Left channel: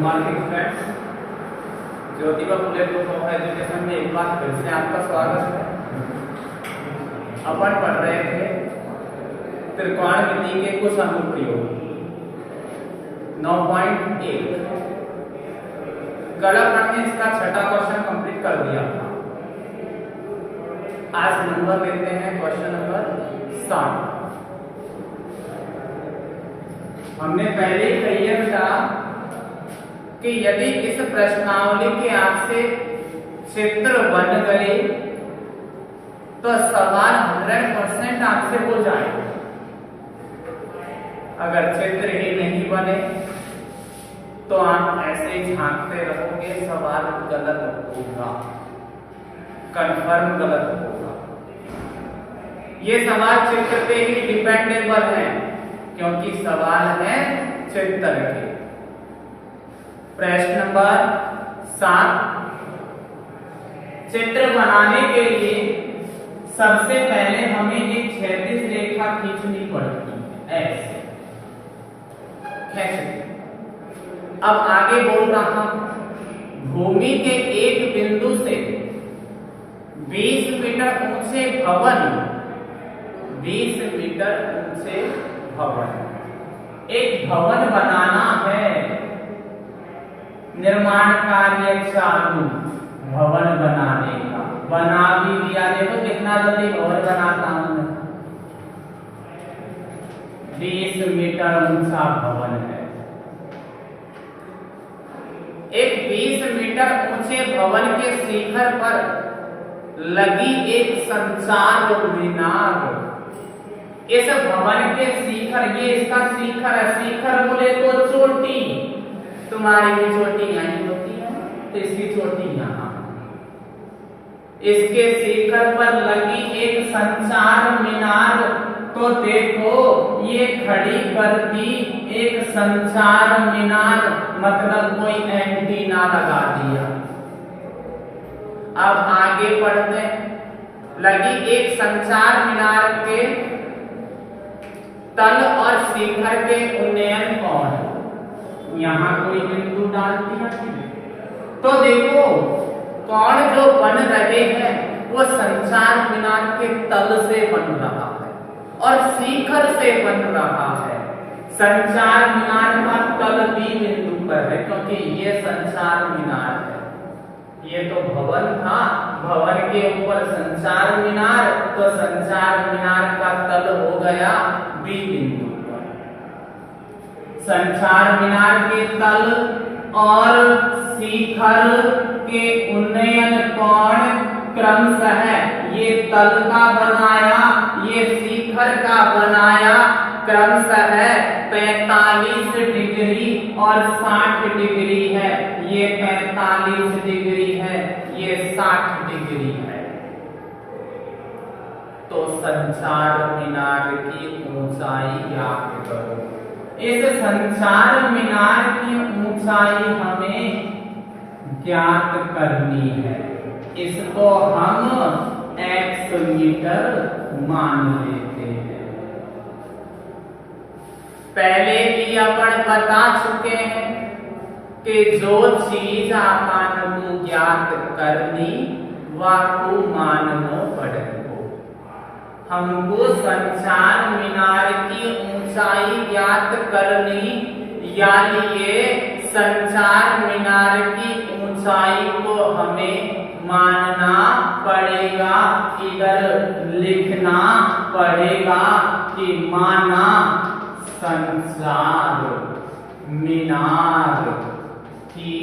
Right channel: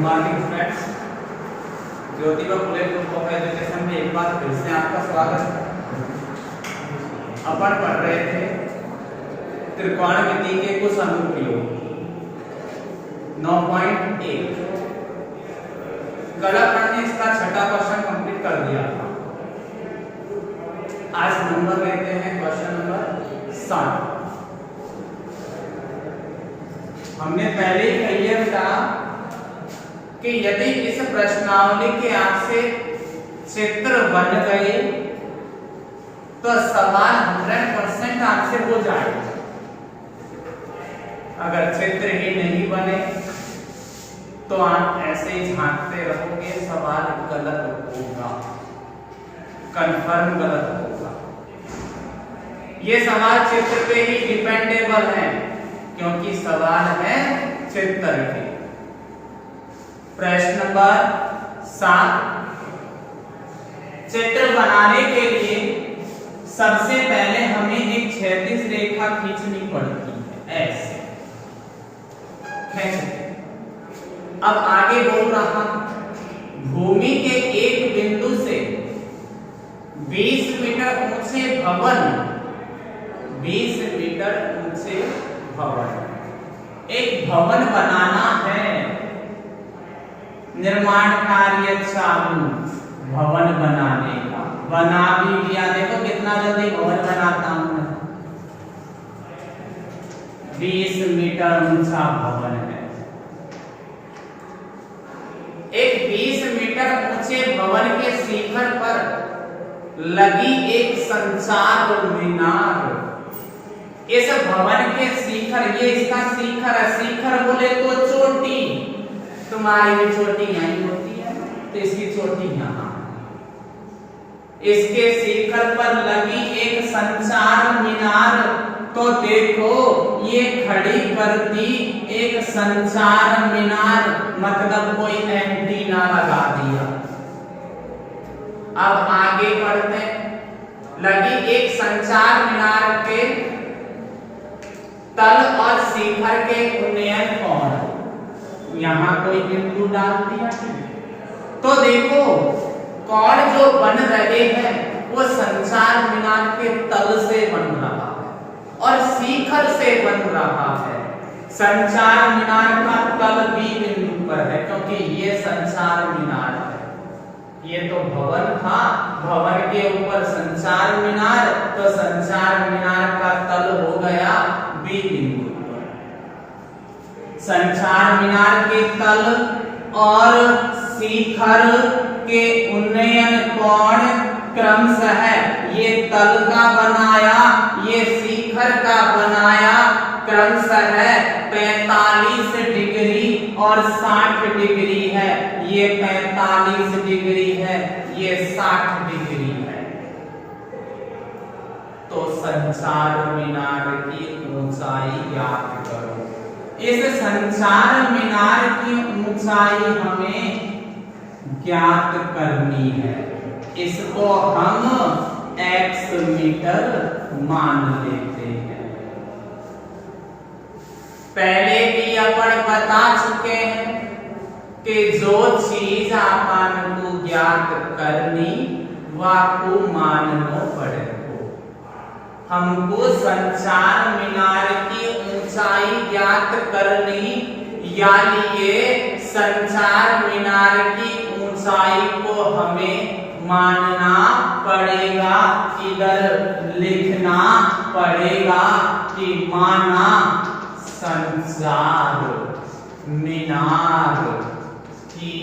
Morning friends, Jyotiba Phule group of education में एक बार फिर से आपका स्वागत है। अपन पढ़ रहे थे त्रिकोणमिति के कुछ अनुप्रयोग 9.1। कल अपन ने इसका छठा क्वेश्चन कंप्लीट कर दिया था। आज नंबर लेते हैं क्वेश्चन नंबर 7। हमने पहले ही क्लियर किया कि यदि इस प्रश्नावली के आपसे चित्र बन गए तो सवाल 100% आपसे हो जाएगा। अगर चित्र ही नहीं बने तो आप ऐसे ही झांकते रहोगे, सवाल गलत होगा, कंफर्म गलत होगा। ये सवाल चित्र पे ही डिपेंडेबल है क्योंकि सवाल है चित्र के। प्रश्न नंबर 7। चित्र बनाने के लिए सबसे पहले हमें एक क्षैतिज रेखा खींचनी पड़ती है, ऐसे खींचते। अब आगे बोल रहा हूं, भूमि के एक बिंदु से 20 मीटर ऊंचे भवन, 20 मीटर ऊंचे भवन, एक भवन बनाना है। निर्माण कार्य चालू, भवन बनाने का बना भी दिया। देखो कितना जल्दी भवन बनाता हूं मैं। 20 मीटर ऊंचा भवन है। एक 20 मीटर ऊंचे भवन के शिखर पर लगी एक संचार मीनार। इस भवन के शिखर, ये इसका शिखर है। शिखर बोले तो चोटी, तुम्हारी भी चोटी यहीं होती है तो इसकी चोटी यहां। इसके शिखर पर लगी एक संचार मीनार, तो देखो ये खड़ी कर दी एक संचार मीनार, मतलब कोई एंटीना लगा दिया। अब आगे बढ़ते हैं। लगी एक संचार मीनार के तल और शिखर के उन्नयन कोण, यहां कोई बिंदु डाल दिया। तो देखो कोण जो बन रहे हैं वो संचार मीनार के तल से बन रहा है और शिखर से बन रहा है। संचार मीनार का तल भी बिंदु पर है क्योंकि ये संचार मीनार है। ये तो भवन था, भवन के ऊपर संचार मीनार, तो संचार मीनार का तल हो गया बी बिंदु। संचार मीनार के तल और शिखर के उन्नयन कोण क्रमशः ये तल का बनाया, ये शिखर का बनाया, क्रमशः 45 डिग्री और 60 डिग्री है। ये 45 डिग्री है, ये 60 डिग्री है। तो संचार मीनार की ऊंचाई ज्ञात करो। इस संचार मीनार की ऊंचाई हमें ज्ञात करनी है। इसको हम x मीटर मान लेते हैं। पहले भी अपन बता चुके हैं कि जो चीज अपन को ज्ञात करनी वाको माननो पड़ेगा। हमको संचार मीनार की ऊंचाई ज्ञात करनी, यानी ये संचार मीनार की ऊंचाई को हमें मानना पड़ेगा, इधर लिखना पड़ेगा कि माना संचार मीनार की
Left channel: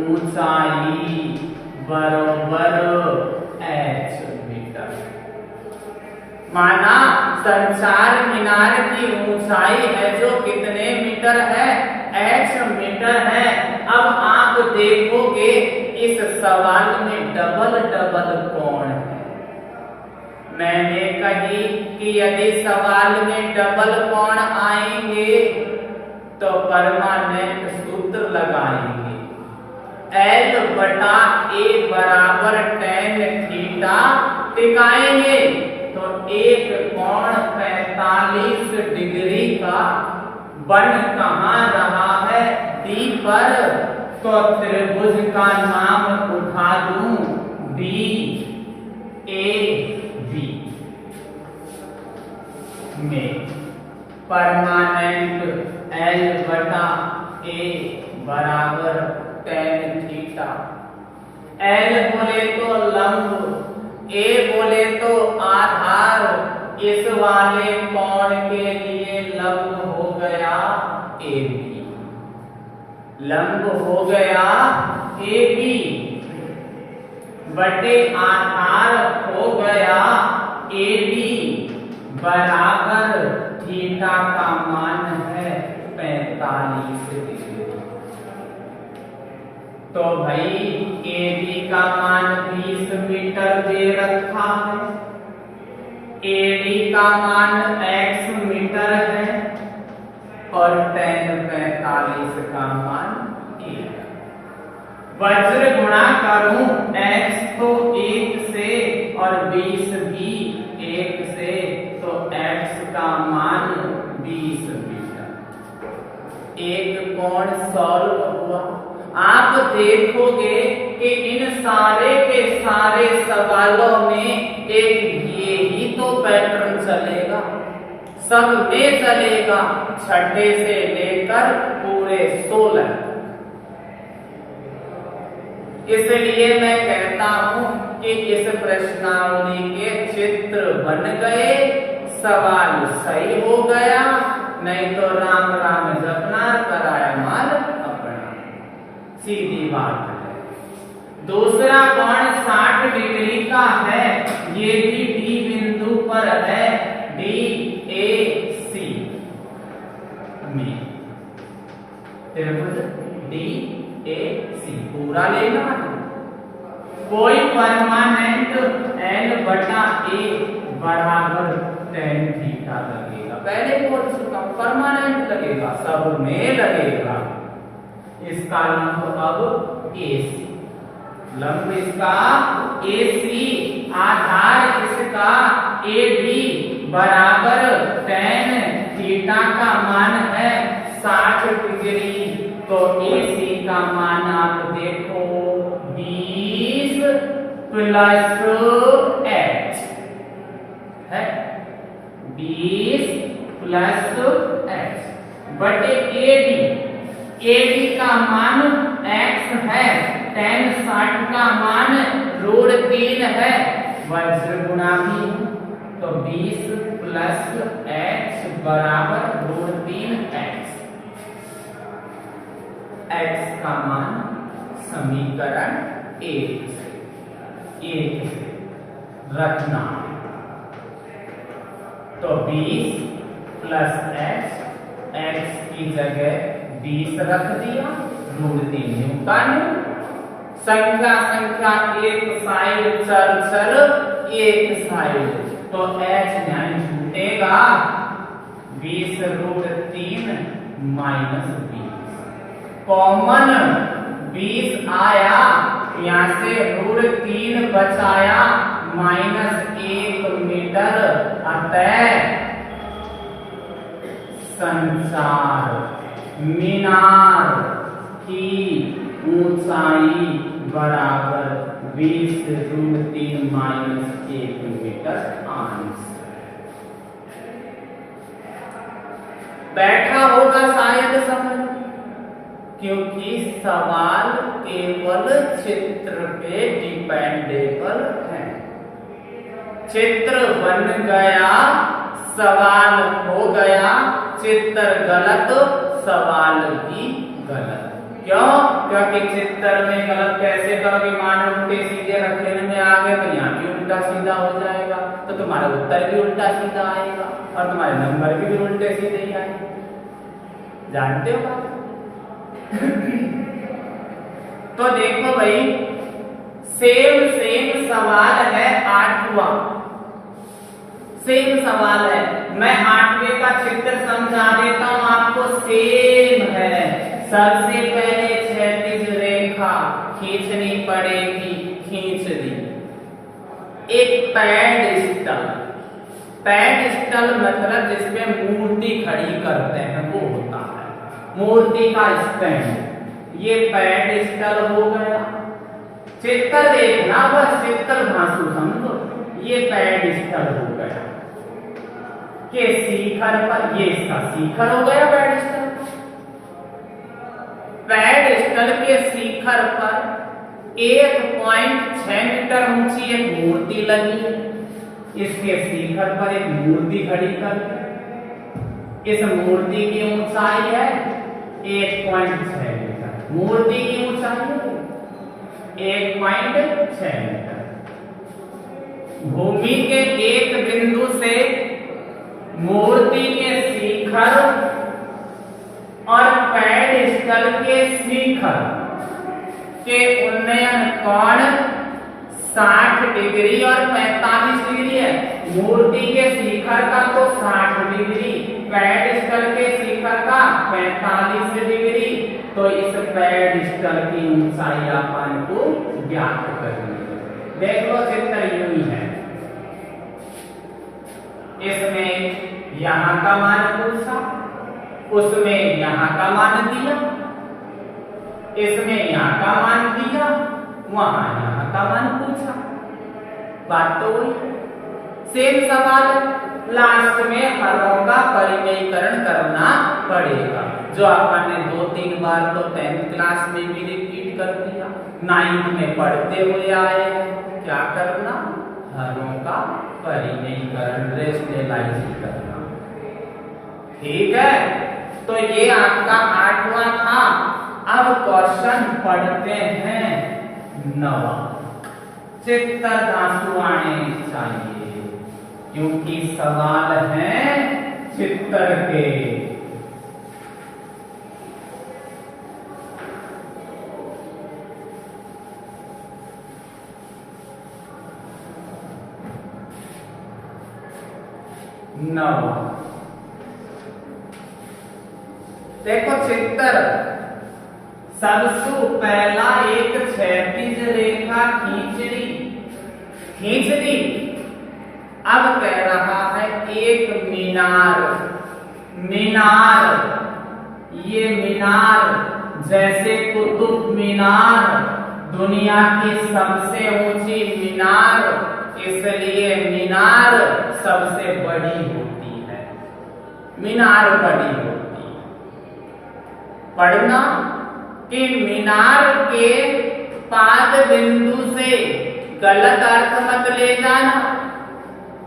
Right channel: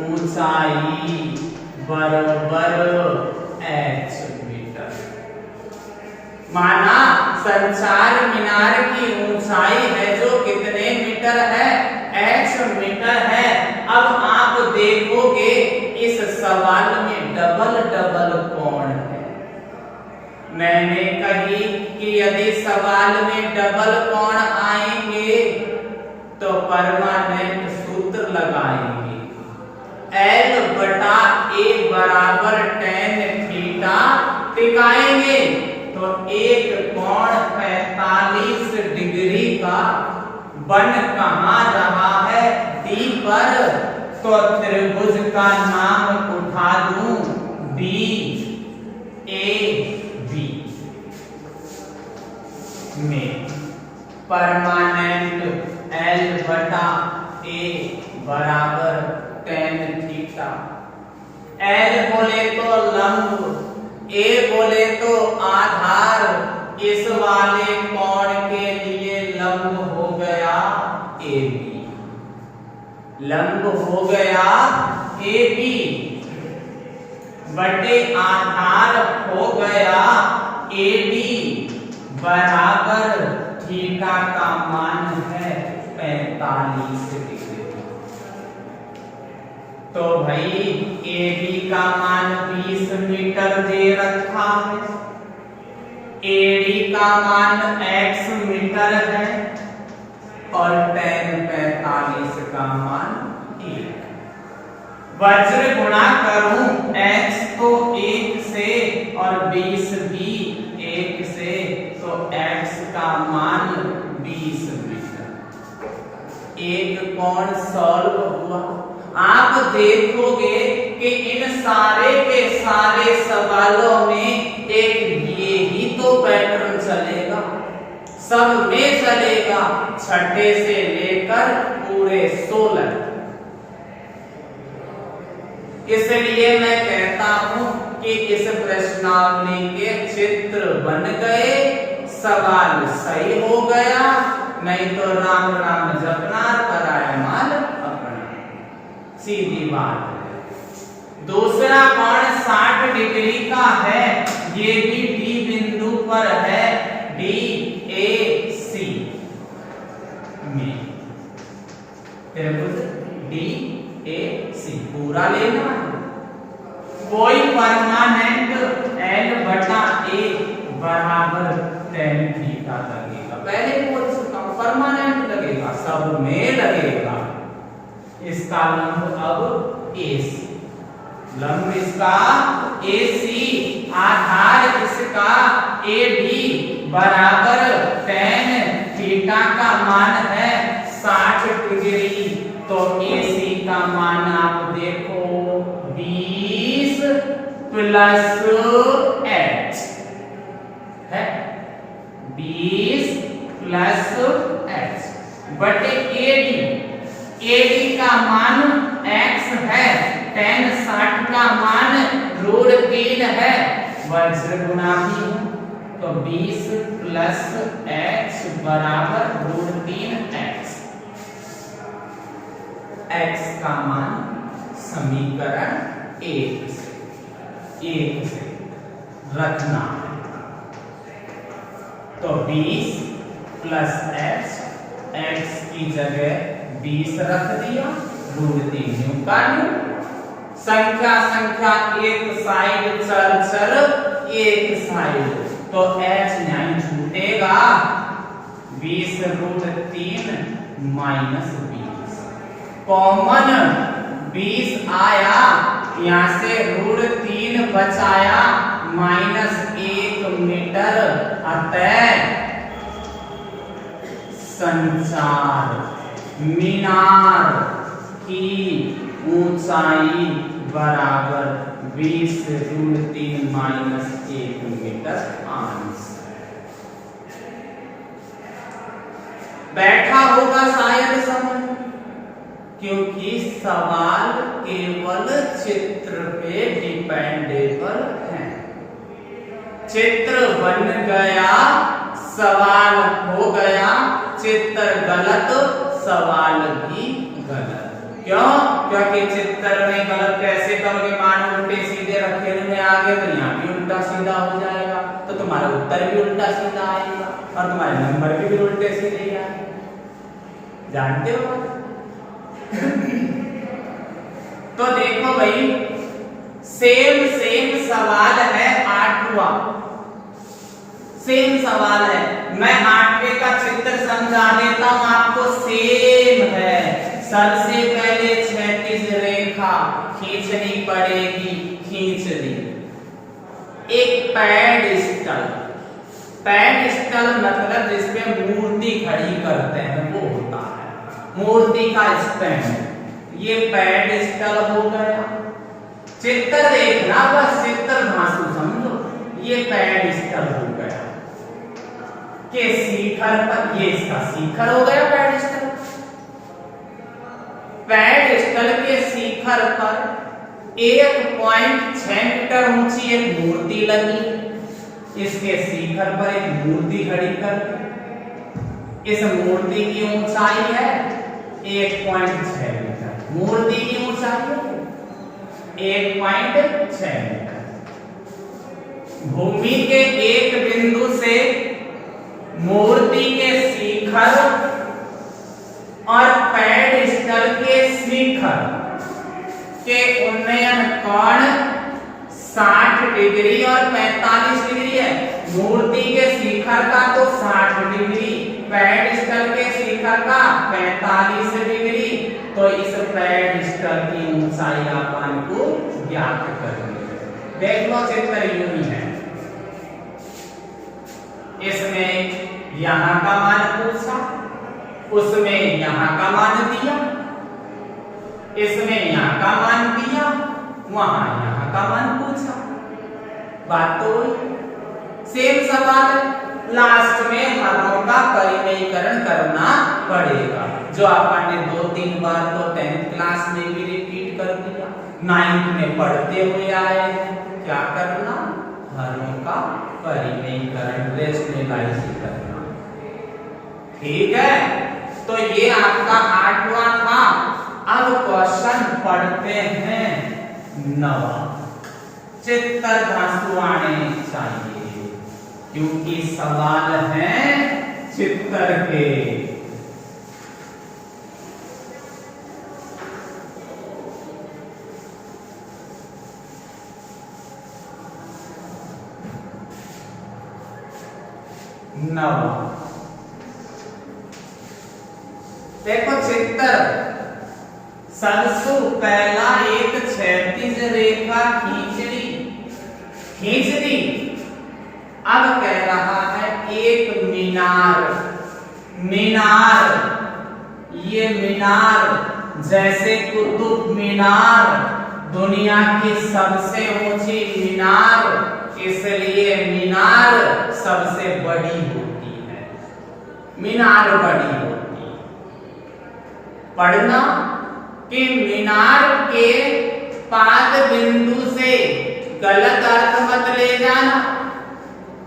ऊंचाई बराबर h मीटर। माना संचार मीनार की ऊंचाई है जो कितने मीटर है, h मीटर है। अब आप देखोगे इस सवाल में डबल डबल कोण है। मैंने कही कि यदि सवाल में डबल कोण आएंगे तो परमानेंट सूत्र लगाएंगे। L बटा A बराबर tan थीटा टिकाएंगे तो एक कोण 45 डिग्री का बन कहां रहा है, डी पर तो त्रिभुज का नाम उठा दूं बी ए बी में परमानेंट L बटा A बराबर tan थीटा। L बोले तो लंब, A बोले तो आधार, इस वाले कोण के लिए लंब हो गया AB, लंब हो गया AB बटे आधार हो गया AB बराबर थीटा का मान है 45 डिग्री। तो भाई AB का मान 20 मीटर दे रखा है, AD का मान x मीटर है और tan 45 का मान 1। वज्र गुणा करूं x को 1 से और 20 भी 1 से, तो x का मान 20 मीटर। एक कोण सॉल्व हुआ। आप देखोगे कि इन सारे के सारे सवालों में एक ये ही तो पैटर्न चलेगा, सब में चलेगा, छठे से लेकर पूरे 16। इसलिए मैं कहता हूं कि इस प्रश्नावली के चित्र बन गए, सवाल सही हो गया, नहीं तो राम राम जपना कराए माल अपना, सीधी बात है। दूसरा कोण 60 डिग्री का है, ये भी डी बिंदु पर है, DAC में त्रिभुज DAC पूरा लेना है। कोई परमानेंट L बटा A बराबर tan थीटा लगेगा, पहले बोल चुका परमानेंट लगेगा, सब में लगेगा। इसका लंब अब AC, लंब इसका AC, आधार इसका AB बराबर tan थीटा का मान है 60 डिग्री। तो AC का मान आप देखो 20 प्लस h है, 20 प्लस h बटे AD का मान x है, tan 60 का मान √3 है, वज्र गुणा भी, तो 20 प्लस h बराबर √3x। x का मान समीकरण 1 से रखना, तो 20 प्लस x की जगह 20 रख दिया, √3 न्यूटन। संख्या एक साइड चल एक साइड, तो h नहीं छूटेगा, 20√3 माइनस 20, कॉमन 20 आया, यहां से √3 बचाया, -1 मीटर, अतः संचार मीनार की ऊंचाई बराबर 20√3 -1 मीटर आंश। बैठा होगा शायद समझ, क्योंकि सवाल केवल चित्र पे डिपेंडेबल है। चित्र बन गया, सवाल हो गया, चित्र गलत, सवाल भी गलत। क्यों? क्योंकि चित्र में गलत कैसे करोगे, मान उल्टे सीधे रखे में आगे, तो यहाँ भी उल्टा सीधा हो जाएगा, तो तुम्हारा उत्तर भी उल्टा सीधा आएगा और तुम्हारे नंबर भी उल्टे सीधे ही आएंगे। जानते हो? तो देखो भाई, सेम सवाल है, 8वां सेम सवाल है। मैं 8वें का चित्र समझा देता हूं आपको, सेम है। सबसे पहले क्षैतिज रेखा खींचनी पड़ेगी, खींच दी। एक पैडस्टल, पैडस्टल मतलब जिसपे मूर्ति खड़ी करते हैं वो होता है, मूर्ति का स्टैंड। ये पेडिस्टल हो गया। चित्र देखना, बस चित्र धांसू समझो। ये पेडिस्टल हो गया के शिखर पर, ये इसका शिखर हो गया पेडिस्टल। पेडिस्टल के शिखर पर 1.6 मीटर ऊंची एक मूर्ति लगी है। इसके शिखर पर एक मूर्ति खड़ी कर, इस मूर्ति की ऊंचाई है 1.6 मीटर। मूर्ति की ऊंचाई है 1.6 मीटर। भूमि के एक बिंदु से मूर्ति के शिखर और पेडिस्टल के शिखर के उन्नयन कोण 60 डिग्री और 45 डिग्री है। मूर्ति के शिखर का तो 60 डिग्री, पेडिस्टल के शिखर का 45 डिग्री। तो इस पेडिस्टल की ऊंचाई अपन को ज्ञात करनी है। देख लो चित्र यूं ही है। इसमें यहां का मान पूछा, उसमें यहां का मान दिया, इसमें यहां का मान दिया, वहां यहां का मान पूछा। बात तो हुई। सेम सवाल लास्ट में हरों का परिमेयीकरण करना पड़ेगा, जो अपन ने 2-3 बार तो 10th क्लास में भी रिपीट कर दिया, 9th में पढ़ते हुए आए हैं। क्या करना? हरों का परिमेयीकरण, रेशनलाइज करना। ठीक है, तो ये आपका 8वां था। अब क्वेश्चन पढ़ते हैं 9वां। चित्र धांसू आने चाहिए क्योंकि सवाल है चित्र के। नवा देखो चित्र। सबसे पहला एक क्षैतिज रेखा खींच दी। अब कह रहा है एक मीनार, ये मीनार जैसे कुतुब मीनार दुनिया की सबसे ऊंची मीनार, इसलिए मीनार सबसे बड़ी होती है। मीनार बड़ी होती है। पढ़ना कि मीनार के पाद बिंदु से, गलत अर्थ मत ले जाना,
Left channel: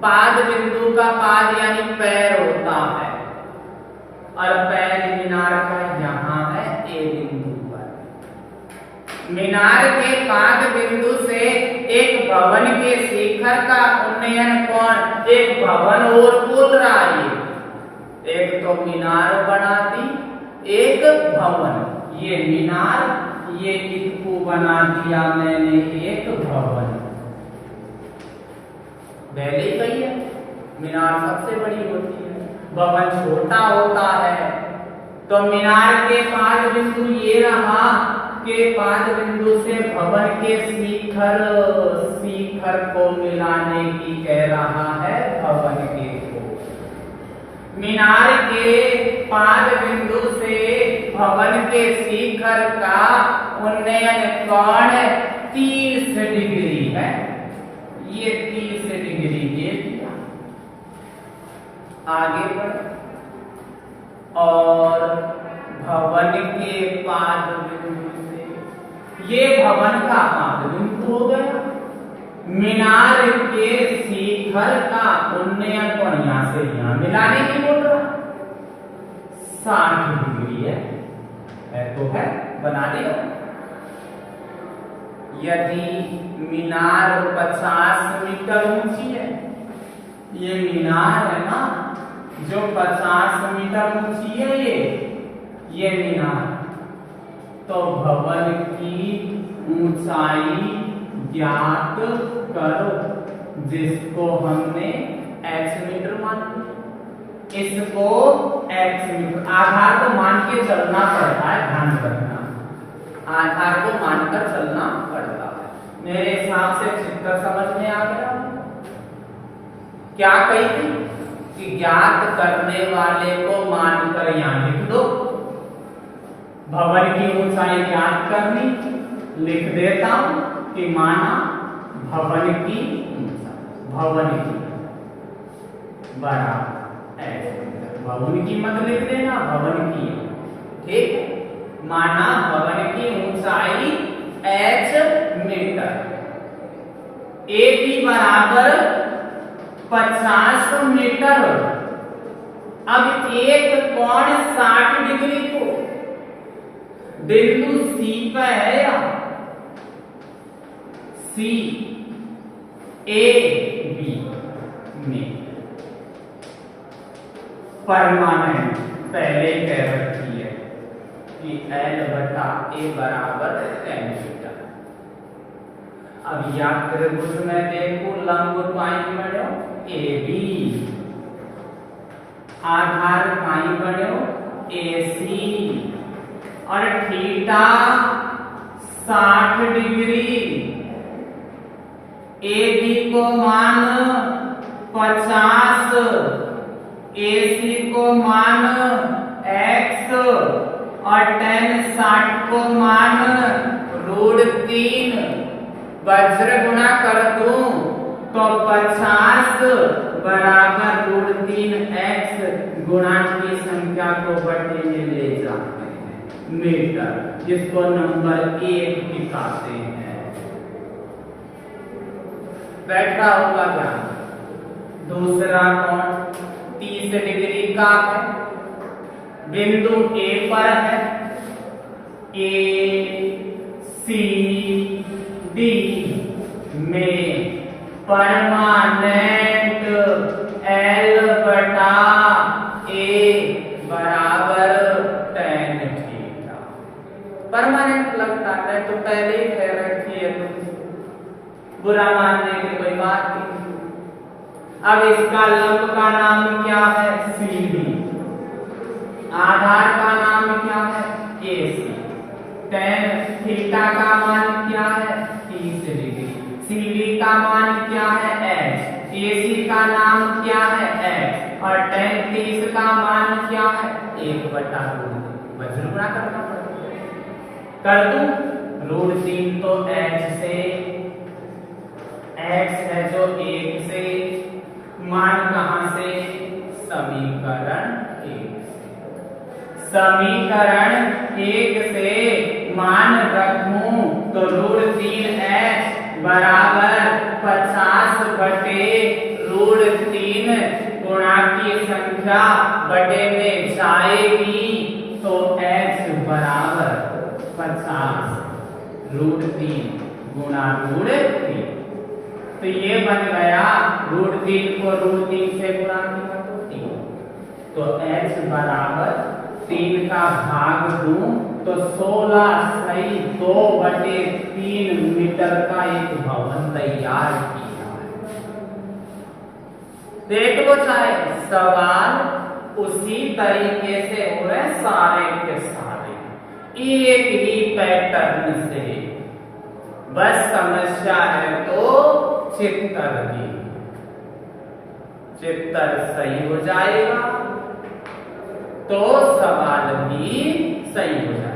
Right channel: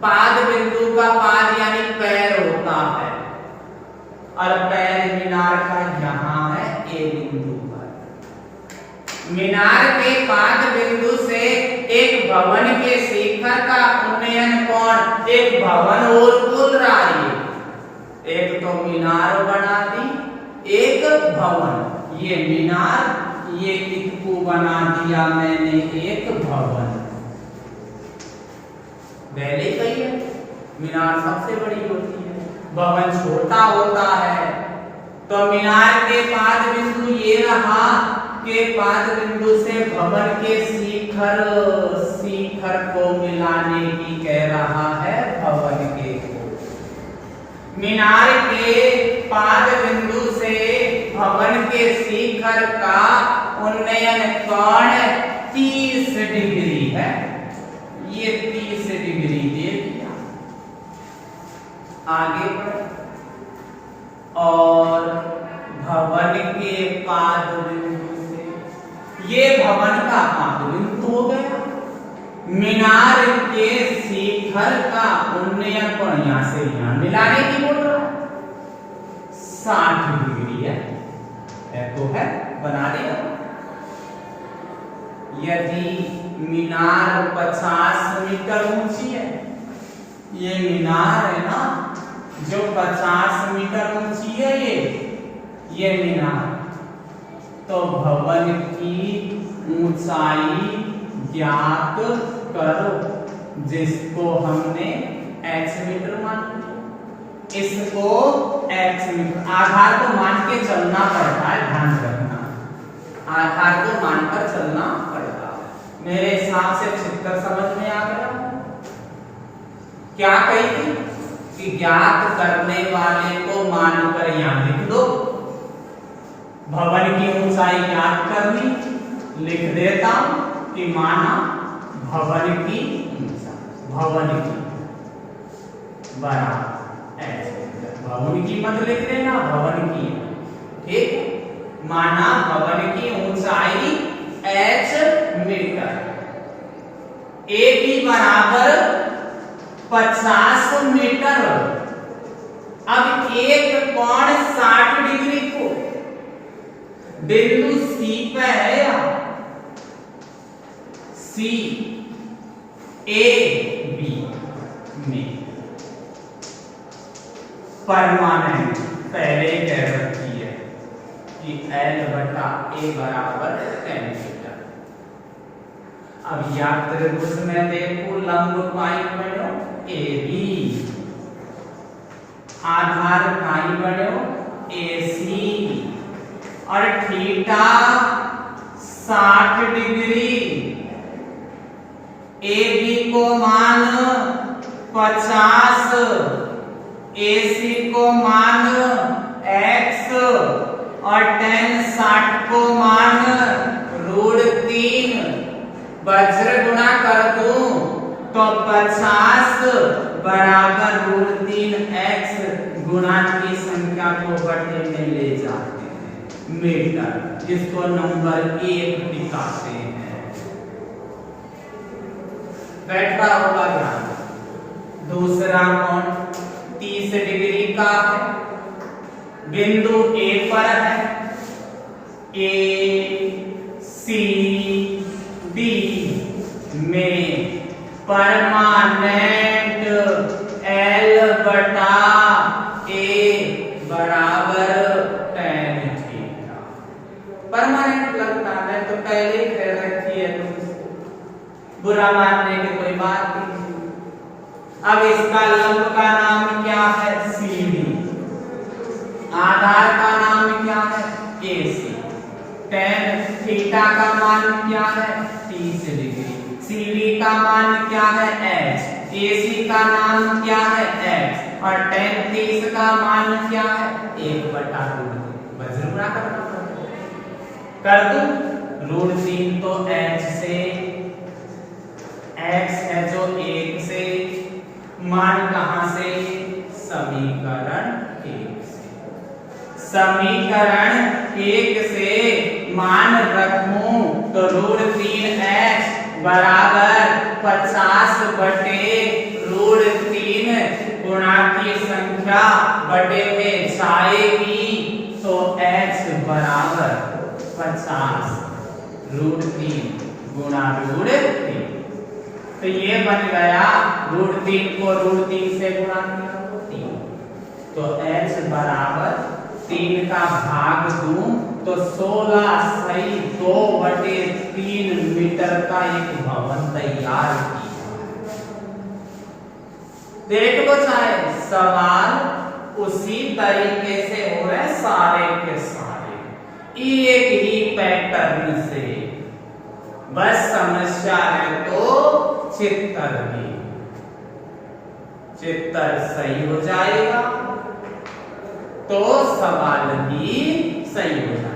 पाद बिंदु का पाद यानी पैर होता है और पैर मीनार का यहां है ए बिंदु पर। मीनार के पाद बिंदु से एक भवन के शिखर का उन्नयन कोण, एक भवन और बोल रहा है, एक तो मीनार बना दी, एक भवन। ये मीनार, ये किसको बना दिया मैंने, एक भवन। पहले कही है मीनार सबसे बड़ी होती है, भवन छोटा होता है। तो मीनार के पाद बिंदु ये रहा, के पाद बिंदु से भवन के शिखर को मिलाने की कह रहा है, भवन के को। मीनार के पाद बिंदु से भवन के शिखर का उन्नयन कोण 30 डिग्री है। ये 30 डिग्री दे दिया। आगे बढ़, और भवन के पाद बिंदु से, ये भवन का पाद बिंदु हो गया। मीनार के शिखर का उन्नयन कोण यहां से यहां मिलाने की बोल रहा, 60 डिग्री है तो है, बना देगा। यदि मीनार 50 मीटर ऊंची है, ये मीनार है ना जो 50 मीटर ऊंची है, ये मीनार, तो भवन की ऊंचाई ज्ञात करो, जिसको हमने x मीटर मान लिया, इसको x मीटर। आधार को मान के चलना पड़ता है, ध्यान रखना, आधार को मानकर चलना पड़ता है। मेरे हिसाब से चित्र समझ में आ गया। क्या कही थी कि ज्ञात करने वाले को मानकर यहां लिख दो, भवन की ऊंचाई ज्ञात करनी, लिख देता हूं कि माना भवन की ऊंचाई, भवन की बराबर h मीटर, भवन की मत लिख देना, भवन की, ठीक, माना भवन की ऊंचाई h मीटर, ए बी बराबर 50 मीटर। अब एक कोण 60 डिग्री को बिंदु सी पे है या सी ए बी में परमानेंट पहले ही कह रखी है कि L बटा ए बराबर tan थीटा। अब या त्रिभुज में देखो लंब पाई बनो ए बी, आधार पाई बनो ए सी, और थीटा 60 डिग्री, ए बी को मान 50, ए सी को मान x, और tan 60 को मान √3। वज्र गुणा कर दूं तो 50 बराबर √3x गुणा की संख्या को बटे में ले जाते हैं मीटर, जिसको नंबर 1 दिखाते हैं। बैठा हुआ ध्यान। दूसरा कोण 30 डिग्री का है, बिंदु ए पर है, ए सी डी में परमानेंट L बटा ए बराबर tan थीटा। परमानेंट लगता है तो पहले ही कह रखी है, तो बुरा मानने की कोई बात नहीं। अब इसका लंब का नाम क्या है, सी डी, आधार का नाम क्या है, ए सी, tan थीटा का मान क्या है, 30 डिग्री, सी डी का मान क्या है, h, ए सी का नाम क्या है, x, और tan 30 का मान क्या है, 1/√3। वज्र गुणा कर दूं, √3 तो h से, x है जो 1 से, मान कहां से, समीकरण 1 से, समीकरण 1 से मान रखूं तो √3h बराबर 50 बटे √3 गुणा की संख्या बटे में जाएगी, तो h बराबर 50 √3 गुणा √3, तो ये बन गया √3 को √3 से गुणा किया तो 3, तो h बराबर 3 का भाग दूं तो 16 सही 2/3 मीटर का एक भवन तैयार किया। देख लो चाहे सवाल उसी तरीके से हो रहे सारे के सारे, एक ही पैटर्न से, बस समस्या है तो चित्तर भी, चित्तर सही हो जाएगा तो सवाल भी सही हो जाएगा।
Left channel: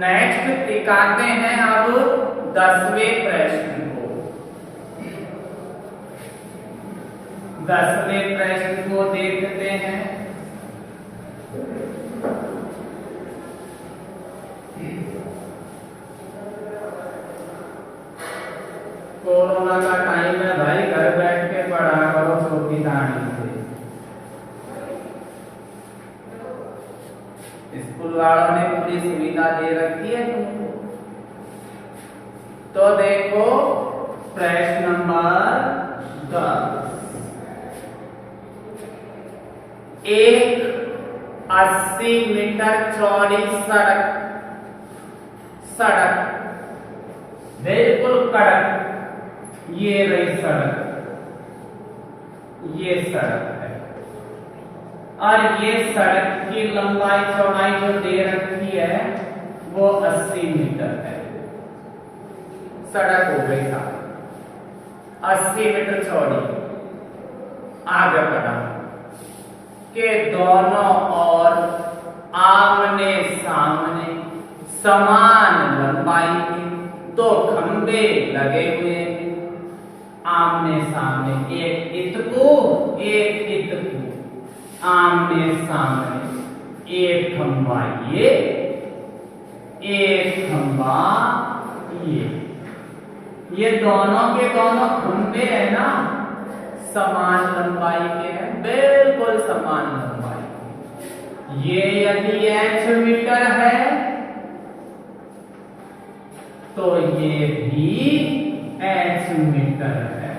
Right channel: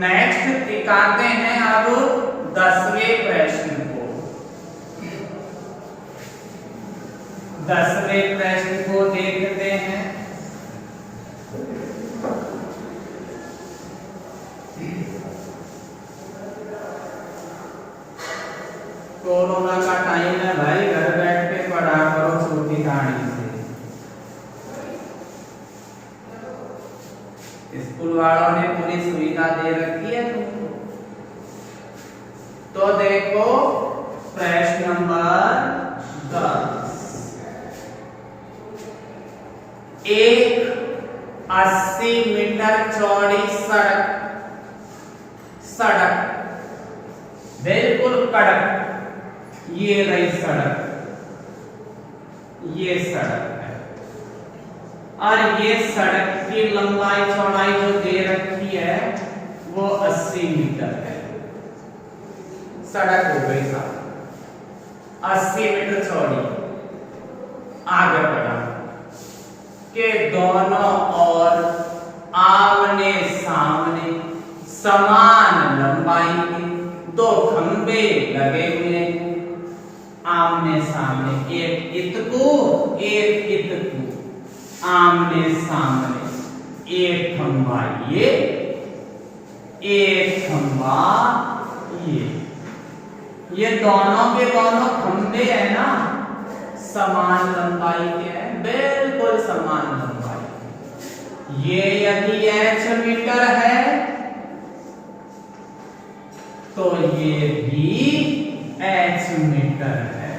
नेक्स्ट दिखाते हैं अब 10वें प्रश्न को। 10वें प्रश्न को देखते हैं। कोरोना का टाइम है भाई, घर बैठ के पढ़ा करो छोटी कहानी से। स्कूल वालों ने पूरी सुविधा दे रखी है तुमको। तो देखो प्रश्न नंबर 10, एक 80 मीटर चौड़ी सड़क बिल्कुल कड़क, ये रही सड़क, ये सड़क है, और ये सड़क की लंबाई चौड़ाई जो दे रखी है वो 80 मीटर है। सड़क हो गई साहब 80 मीटर चौड़ी। आगे बढ़ा के दोनों ओर आमने सामने समान लंबाई के दो खंबे लगे हुए हैं। आमने सामने एक इतको एक इतको, आमने सामने एक खंबा ये, एक खंबा ये दोनों के दोनों खंबे है ना समान लंबाई के हैं, बिल्कुल समान लंबाई। ये यदि h मीटर है तो ये भी h मीटर है।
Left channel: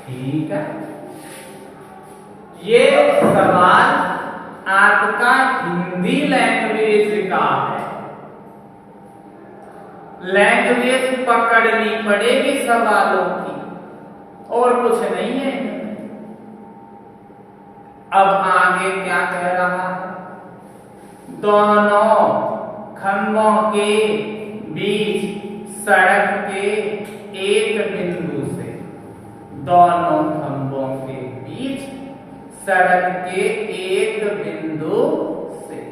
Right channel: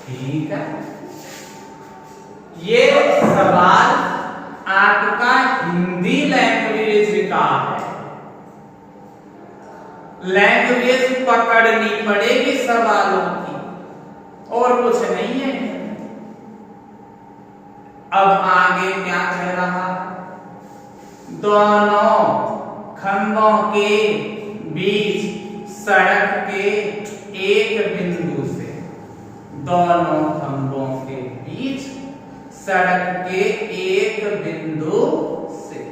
ठीक है, ये सवाल आपका हिंदी लैंग्वेज का है। लैंग्वेज पकड़नी पड़ेगी सवालों की, और कुछ नहीं है। अब आगे क्या कह रहा है? दोनों खंभों के बीच सड़क के एक बिंदु से, दोनों खंभों के बीच सड़क के एक बिंदु से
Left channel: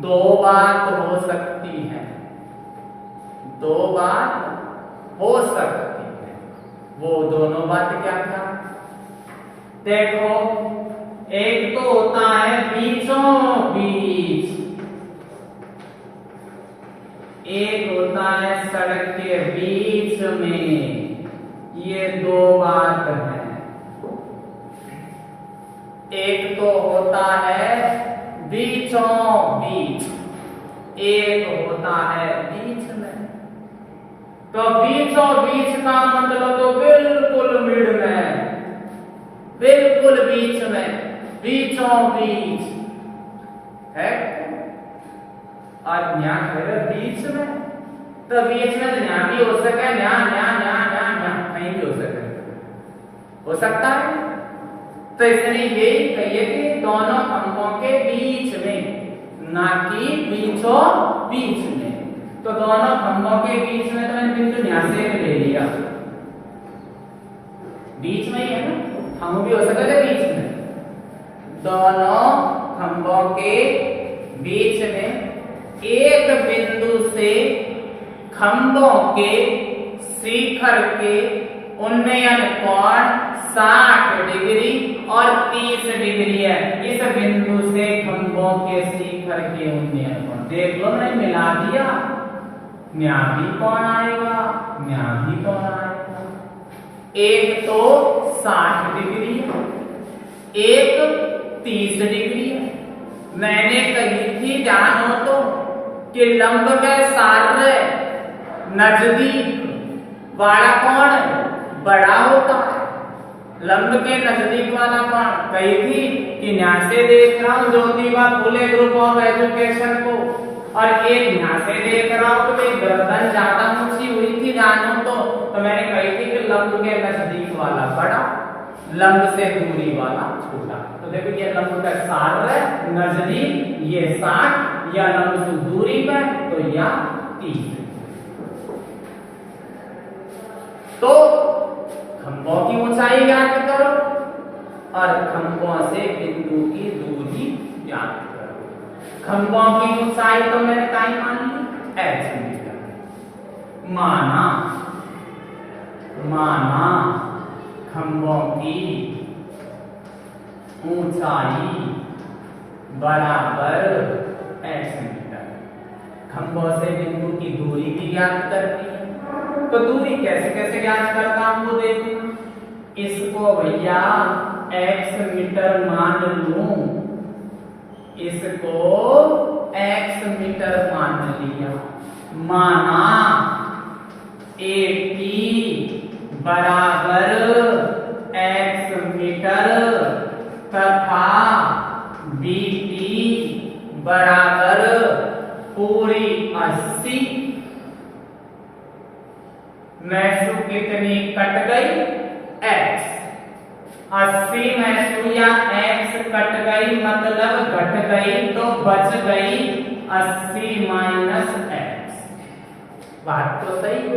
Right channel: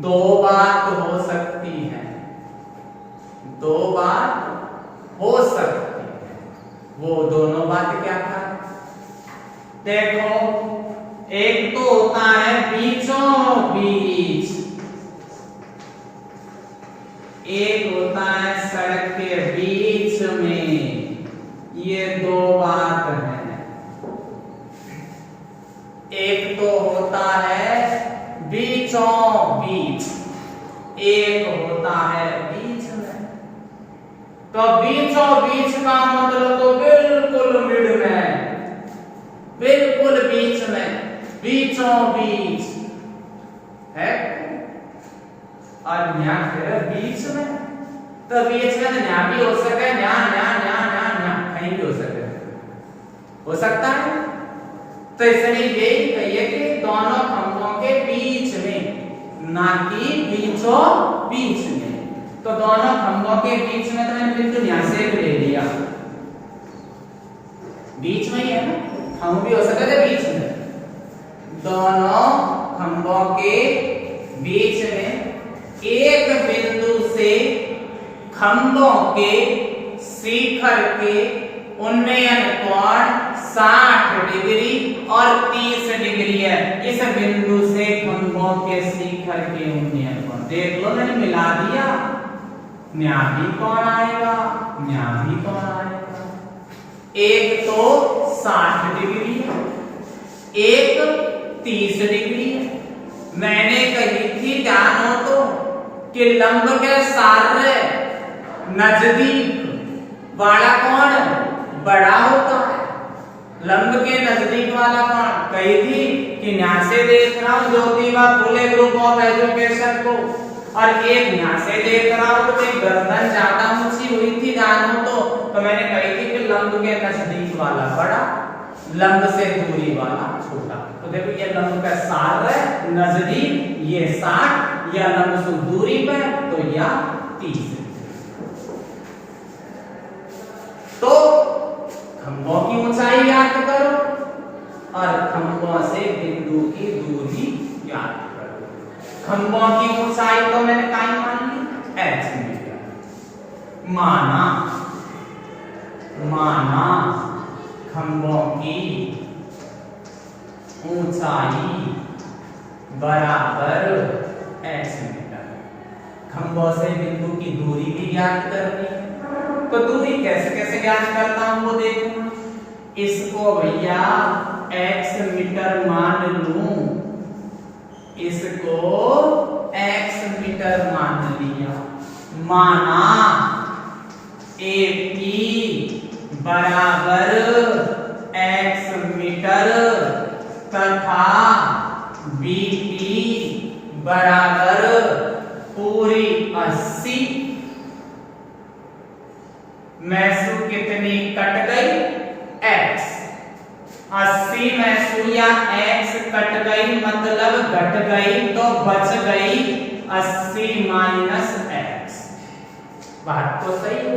दो बात हो सकती है, दो बात हो सकती है। वो दोनों बात क्या था? देखो, एक तो होता है बीचों बीच, एक होता है सड़क के बीच में। ये दो बात है। एक तो होता है बीचों बीच, एक होता है बीच में। तो बीचों बीच का मतलब तो बिल्कुल मिड में, बिल्कुल बीच में, बीचों बीच है। और यहाँ बीच में, तो बीच में यहाँ भी हो सके, कहीं भी हो सके, हो सकता है। तो इसलिए यही कहिए कि दोनों खंभों के बीच में, ना कि बीचों बीच में। तो दोनों खंभों के बीच में, तो मैंने बिल्कुल यहाँ से ले लिया, बीच में ही है ना, हम भी हो सकते थे बीच में। दोनों खंभों के बीच में एक बिंदु से खंभों के शिखर के उन्नयन कोण 60 डिग्री और 30 डिग्री है। इस बिंदु से खंभों के शिखर के उन्नयन कोण देख लो, मैंने मिला दिया। न्या भी कौन आएगा, न्या भी कौन आएगा। एक तो 60 डिग्री है, एक 30 डिग्री है। मैंने कही थी जानो तो कि लंब के सारे नजदीक वाला कौन बड़ा होता है। लंब के नजदीक वाला कौन, कही थी कि यहाँ से देख रहा हूं Jyotiba Phule group of education को, और एक यहाँ से देख रहा हूं तो गर्दन ज्यादा ऊंची हुई थी जानो तो मैंने कही थी कि लंब के नजदीक वाला बड़ा, लंब से दूरी वाला छोटा। तो देखो ये लंब का सार नजदीक ये 60, या लंब से दूरी पर तो या 30। तो खंभों की ऊंचाई याद करो और खंभों से बिंदु की दूरी याद करो। खंभों की ऊंचाई तो मैंने काई मानी, h मीटर। माना खंभों की ऊंचाई बराबर h मीटर। खंभों से बिंदु की दूरी भी याद करनी। तो दूरी कैसे कैसे याद करता हूं वो देखो। इसको भैया x मीटर मान लूं, इसको x मीटर मान लिया। माना AP बराबर x मीटर तथा BP बराबर पूरी 80 में से कितनी कट गई, x। 80 में से या x कट गई मतलब घट गई, तो बच गई 80 माइनस x। बात तो सही हो।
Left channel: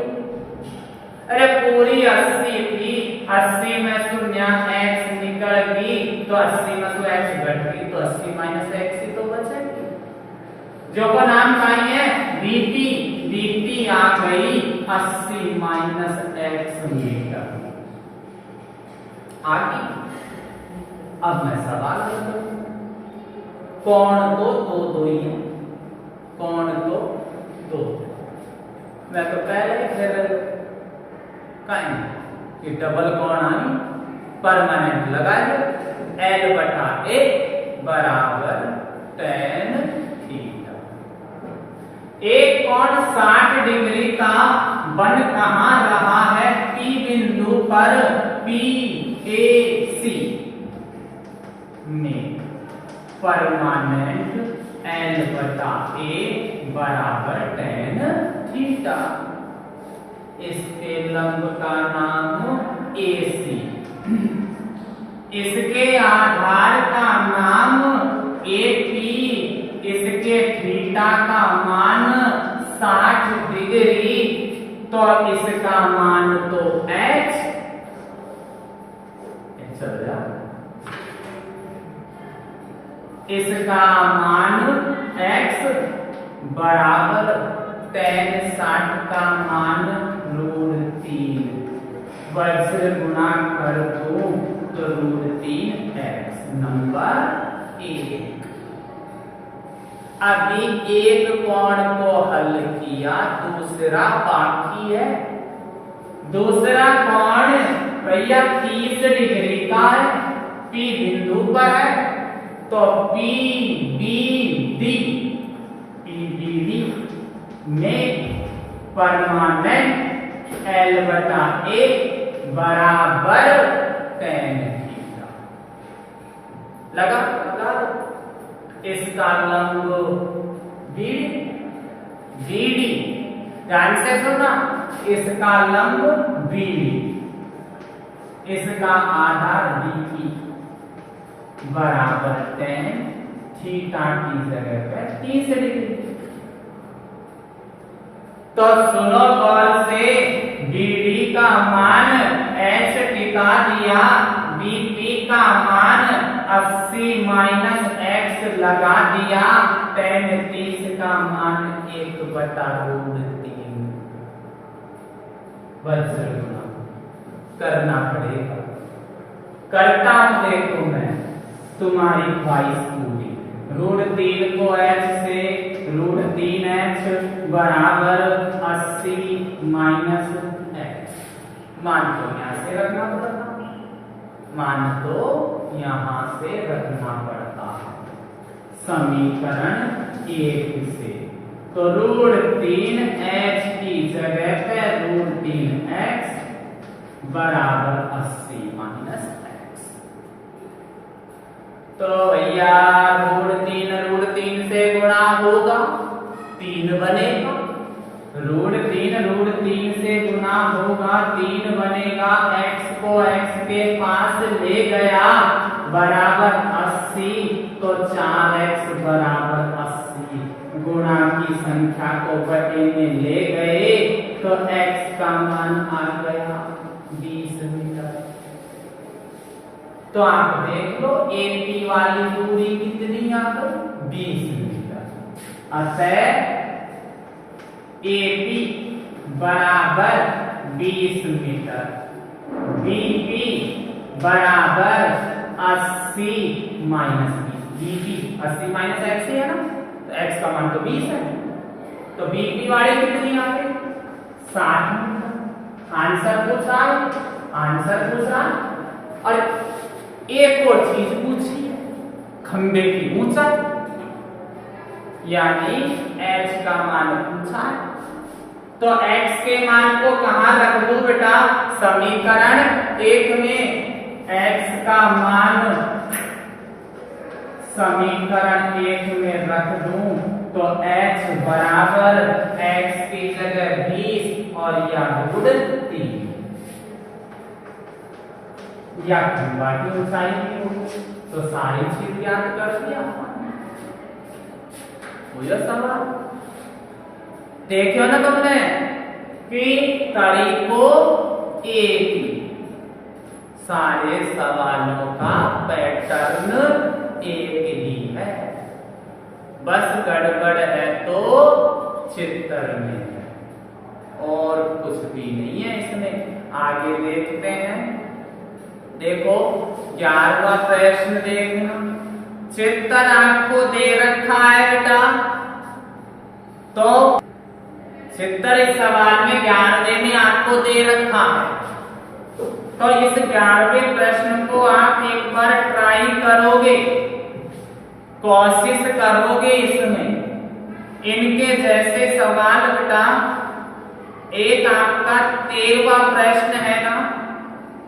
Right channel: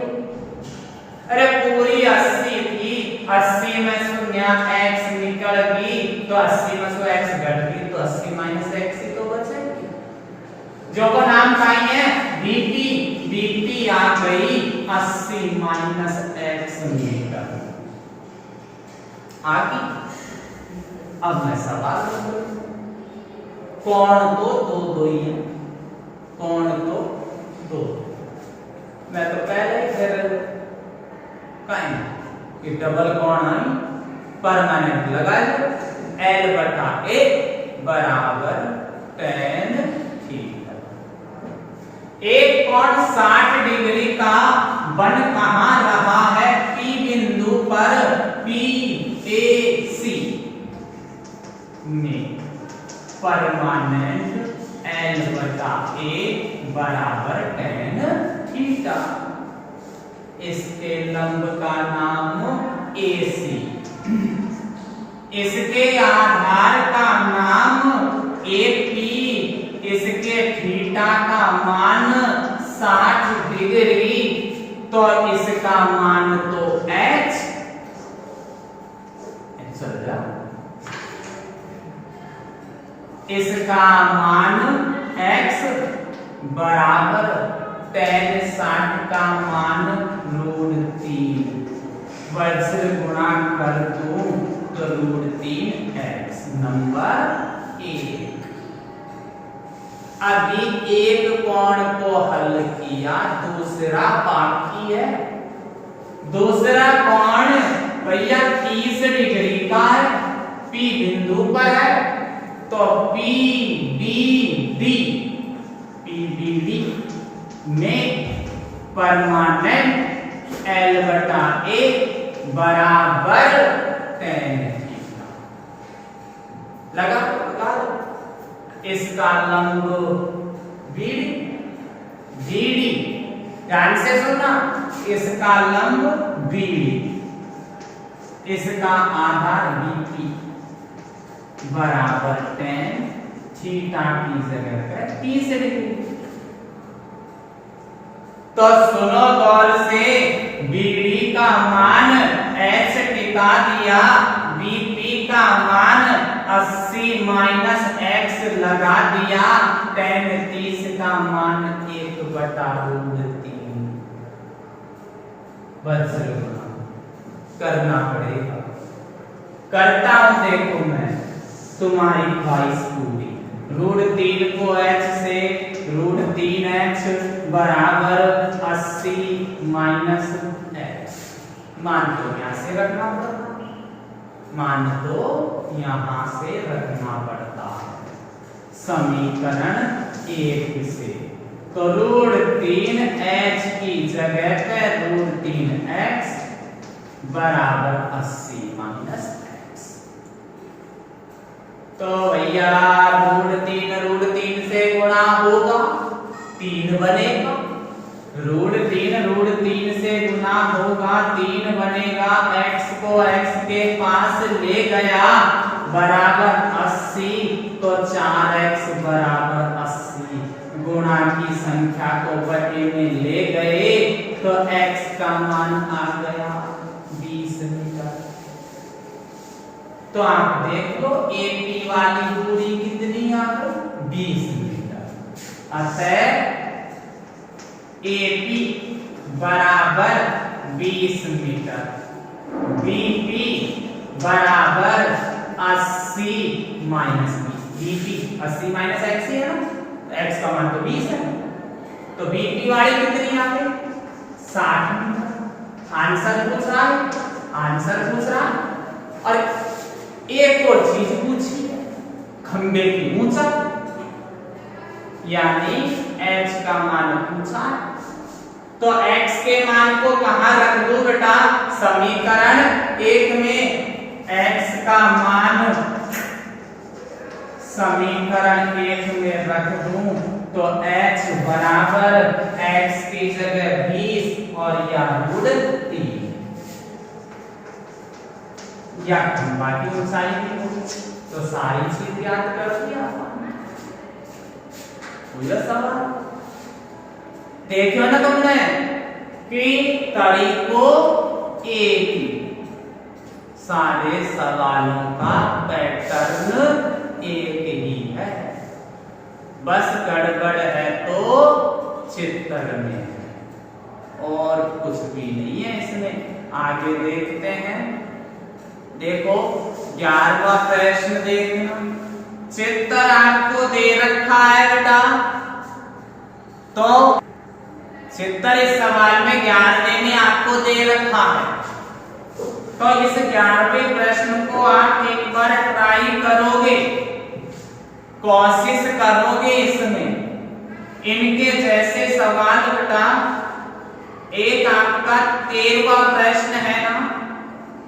अरे पूरी 80 थी, 80 में शून्य x निकल गई तो 80 में से x घट गई तो 80 माइनस x ही तो बचेगी। जो को नाम चाहिए बीपी, बीपी आ गई 80 माइनस x मीटर आ गई। अब मैं सवाल करूं, कौन तो दो ही है, कौन तो दो। मैं तो पहले फिर कहीं कि डबल कौन आई परमानेंट लगा लो, L बटा A बराबर tan थीटा। एक कोण 60 डिग्री का बन कहां रहा है, P बिंदु पर PAC में परमानेंट L बटा A बराबर tan थीटा। इसके लंब का नाम AC, इसके आधार का नाम AP, इसके थीटा का मान 60 डिग्री तो इसका मान तो H इसका मान x बराबर tan 60 का मान √3 वज्र गुणा कर दूं तो √3x नंबर 1। अभी एक कोण को हल किया, दूसरा बाकी है। दूसरा कोण भैया 30 डिग्री का है, P बिंदु पर है तो PBD में परमानेंट L बटा A बराबर tan थीटा लगा दो। इसका लंब BD, ध्यान से सुनना, इसका लंब BD, इसका आधार BP बराबर tan थीटा की जगह पे 30 डिग्री। तो सुनो गौर से, BD का मान H टिका दिया, BP का मान 80 माइनस x लगा दिया, tan 30 का मान 1/√3 वज्र गुणा करना पड़ेगा। करता हूं देखो मैं, तुम्हारी 22 पूरी √3 को h से √3h बराबर 80 माइनस x। मान तो यहां से रखना पड़ता, मान तो यहां से रखना पड़ता है समीकरण 1 से। तो √3h की जगह पे √3x बराबर 80 माइनस x। तो भैया √3 से गुणा होगा 3 बनेगा, √3 से गुणा होगा 3 बनेगा, x को x के पास ले गया बराबर 80 तो 4x बराबर 80 गुणा की संख्या को बटे में ले गए तो x का मान आ गया 20 मीटर। तो आप देख लो AP वाली दूरी कितनी आ गई 20 मीटर। अतः AP बराबर 20 मीटर, BP बराबर 80 माइनस 20, BP 80 माइनस x ही है ना, तो x का मान तो 20 है, तो BP वाली कितनी आ गई 60 मीटर। आंसर पूछ रहा है, आंसर पूछ रहा है। और एक और चीज पूछी है, खंबे की ऊंचाई, यानी h का मान पूछा है, तो x के मान को कहां रख दूं बेटा, समीकरण 1 में x का मान समीकरण 1 में रख दूं तो h बराबर x की जगह 20 और या √3 या खंबा की ऊंचाई भी हो, तो सारी चीज याद कर दिया। सवाल देखियो ना तुमने, कि तरीकों एक ही, सारे सवालों का पैटर्न एक ही है, बस गड़बड़ है तो चित्र में है और कुछ भी नहीं है इसमें। आगे देखते हैं। देखो 11वां प्रश्न देखना। चित्र आपको दे रखा है बेटा, तो चित्र इस सवाल में 11वें में आपको दे रखा है, तो इस 11वें प्रश्न को आप एक बार ट्राई करोगे, कोशिश करोगे इसमें। इनके जैसे सवाल बेटा, एक आपका 13वां प्रश्न है ना,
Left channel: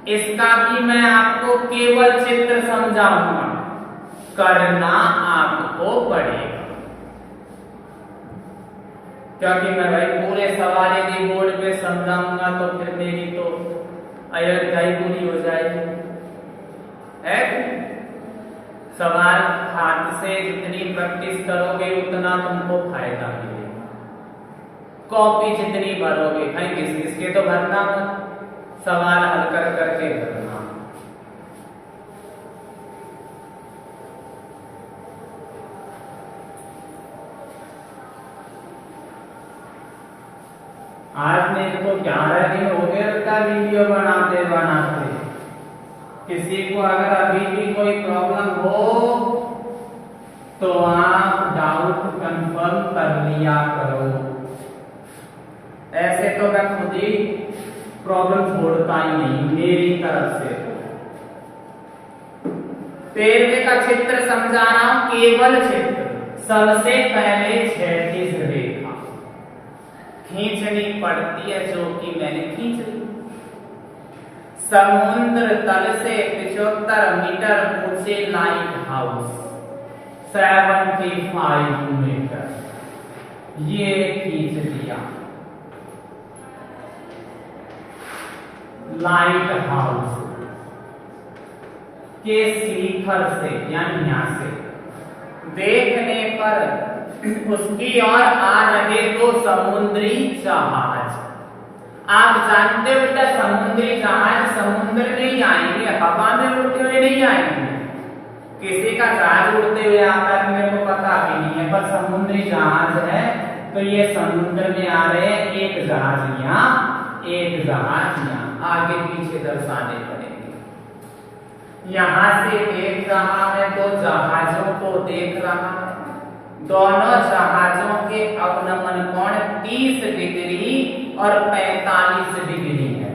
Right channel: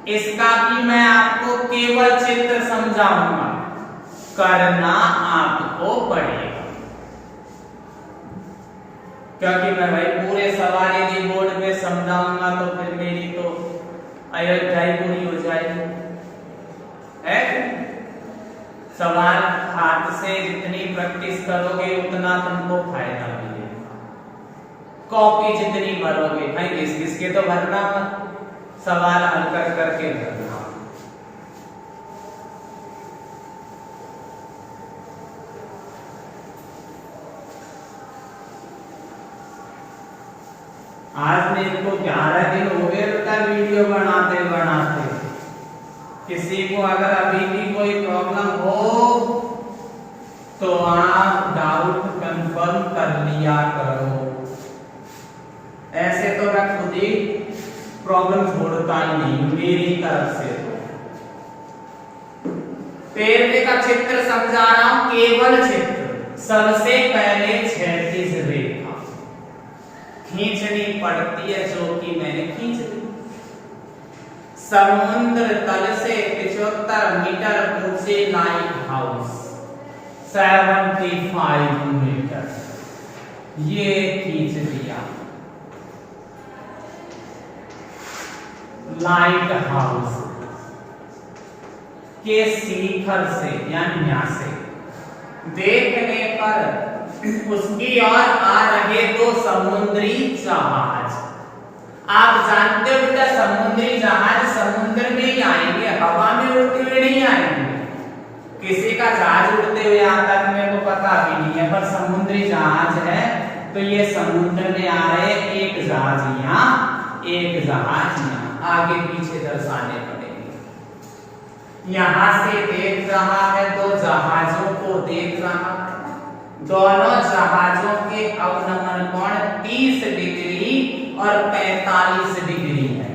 इसका भी मैं आपको केवल चित्र समझाऊंगा, करना आपको पड़ेगा, क्योंकि मैं भाई पूरे सवाल यदि बोर्ड पे समझाऊंगा तो फिर मेरी तो अयोध्या ही पूरी हो जाएगी। है सवाल हाथ से जितनी प्रैक्टिस करोगे उतना तुमको फायदा मिलेगा। कॉपी जितनी भरोगे, भाई घिस घिस के तो भरना मत, सवाल हल कर करके भरना। आज मेरे को 11 दिन हो गए बेटा वीडियो बनाते बनाते। किसी को अगर अभी भी कोई प्रॉब्लम हो तो आप डाउट कंफर्म कर लिया करो। ऐसे तो मैं खुद ही प्रॉब्लम छोड़ता ही नहीं मेरी तरफ से। 13वें का चित्र समझा रहा हूं, केवल चित्र। सबसे पहले क्षैतिज रेखा खींचनी पड़ती है, जो कि मैंने खींच ली। समुद्र तल से 75 मीटर ऊंचे लाइट हाउस 75 मीटर, ये खींच दिया। लाइट हाउस के शिखर से यानी यहां से देखने पर उसकी ओर आ रहे दो समुद्री जहाज। आप जानते हो बेटा, समुद्री जहाज समुद्र में ही आएंगे, हवा में उड़ते हुए नहीं आएंगे। किसी का जहाज उड़ते हुए आता है मेरे को पता भी नहीं है, पर समुद्री जहाज है तो ये समुद्र में आ रहे, एक जहाज यहाँ एक जहाज यहाँ, आगे पीछे दर्शाने पड़ेंगे। यहां से देख रहा है, दो जहाजों को देख रहा है। दोनों जहाजों के अवनमन कोण 30 डिग्री और 45 डिग्री है।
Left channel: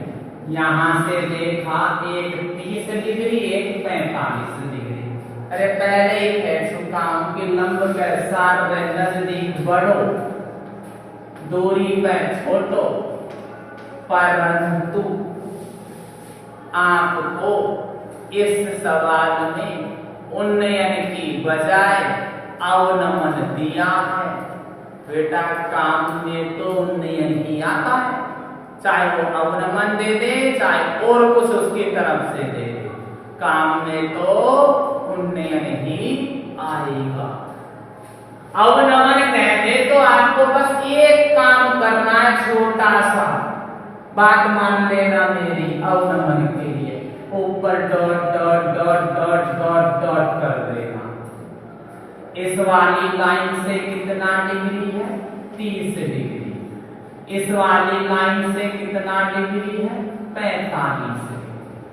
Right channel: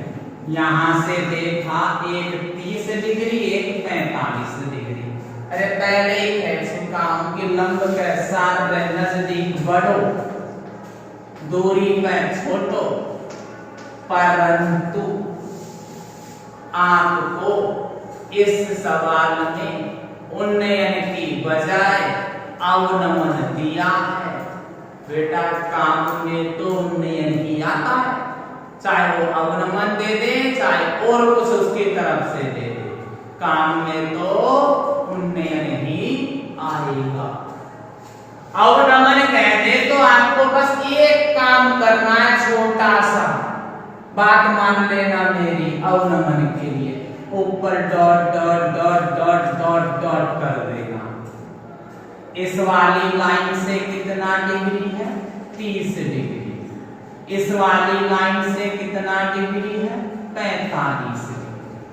यहां से देखा, एक 30 डिग्री एक 45 डिग्री। अरे पहले ही कह चुका हूं कि लंब के साथ नजदीक बढ़ो, दूरी में छोटो, परंतु आपको इस सवाल में उन्नयन की बजाय अवनमन दिया है। बेटा काम में तो उन्नयन ही आता है, चाहे वो अवनमन दे दे चाहे और कुछ उसकी तरफ से दे दे, काम में तो उन्नयन ही आएगा। अवनमन कहते तो आपको बस एक काम करना है, छोटा सा बात मान लेना मेरी। अवनमन के लिए ऊपर dot dot dot dot dot dot कर देना। इस वाली लाइन से कितना डिग्री है? 30 डिग्री। इस वाली लाइन से कितना डिग्री है? 45 डिग्री।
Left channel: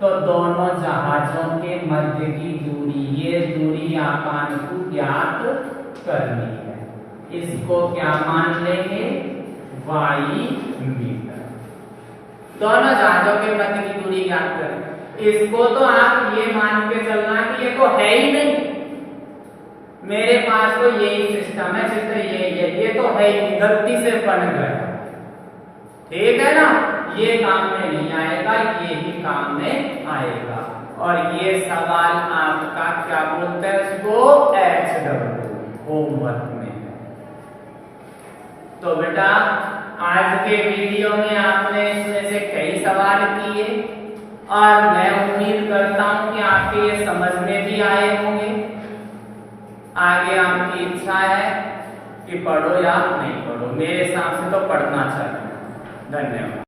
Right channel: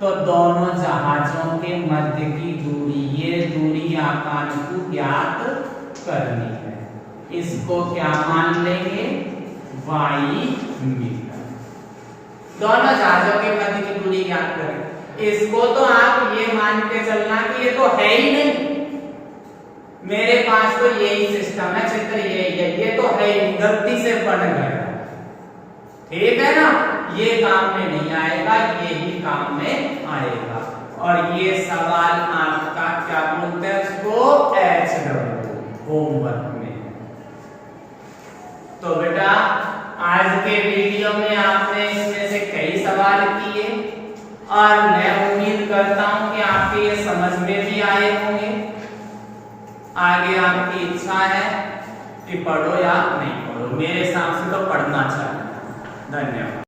तो दोनों जहाजों के मध्य की दूरी, ये दूरी आपको ज्ञात करनी है। इसको क्या मान लेंगे? Y meter. दोनों जहाजों के मध्य की दूरी ज्ञात करें। इसको तो आप ये मान के चलना कि ये तो है ही नहीं, मेरे पास तो यही सिस्टम है, चित्र यही है, ये तो है ही, गलती से बन गया। ठीक है ना, ये काम में नहीं आएगा, ये ही काम में आएगा। और ये सवाल आपका क्या बोलते हैं उसको? HW होमवर्क में है। तो बेटा आज के वीडियो में आपने इसमें से कई सवाल किए और मैं उम्मीद करता हूं कि आपके ये समझ में भी आए होंगे। आगे आपकी इच्छा है कि पढ़ो या नहीं पढ़ो, मेरे हिसाब से तो पढ़ना चाहिए। धन्यवाद।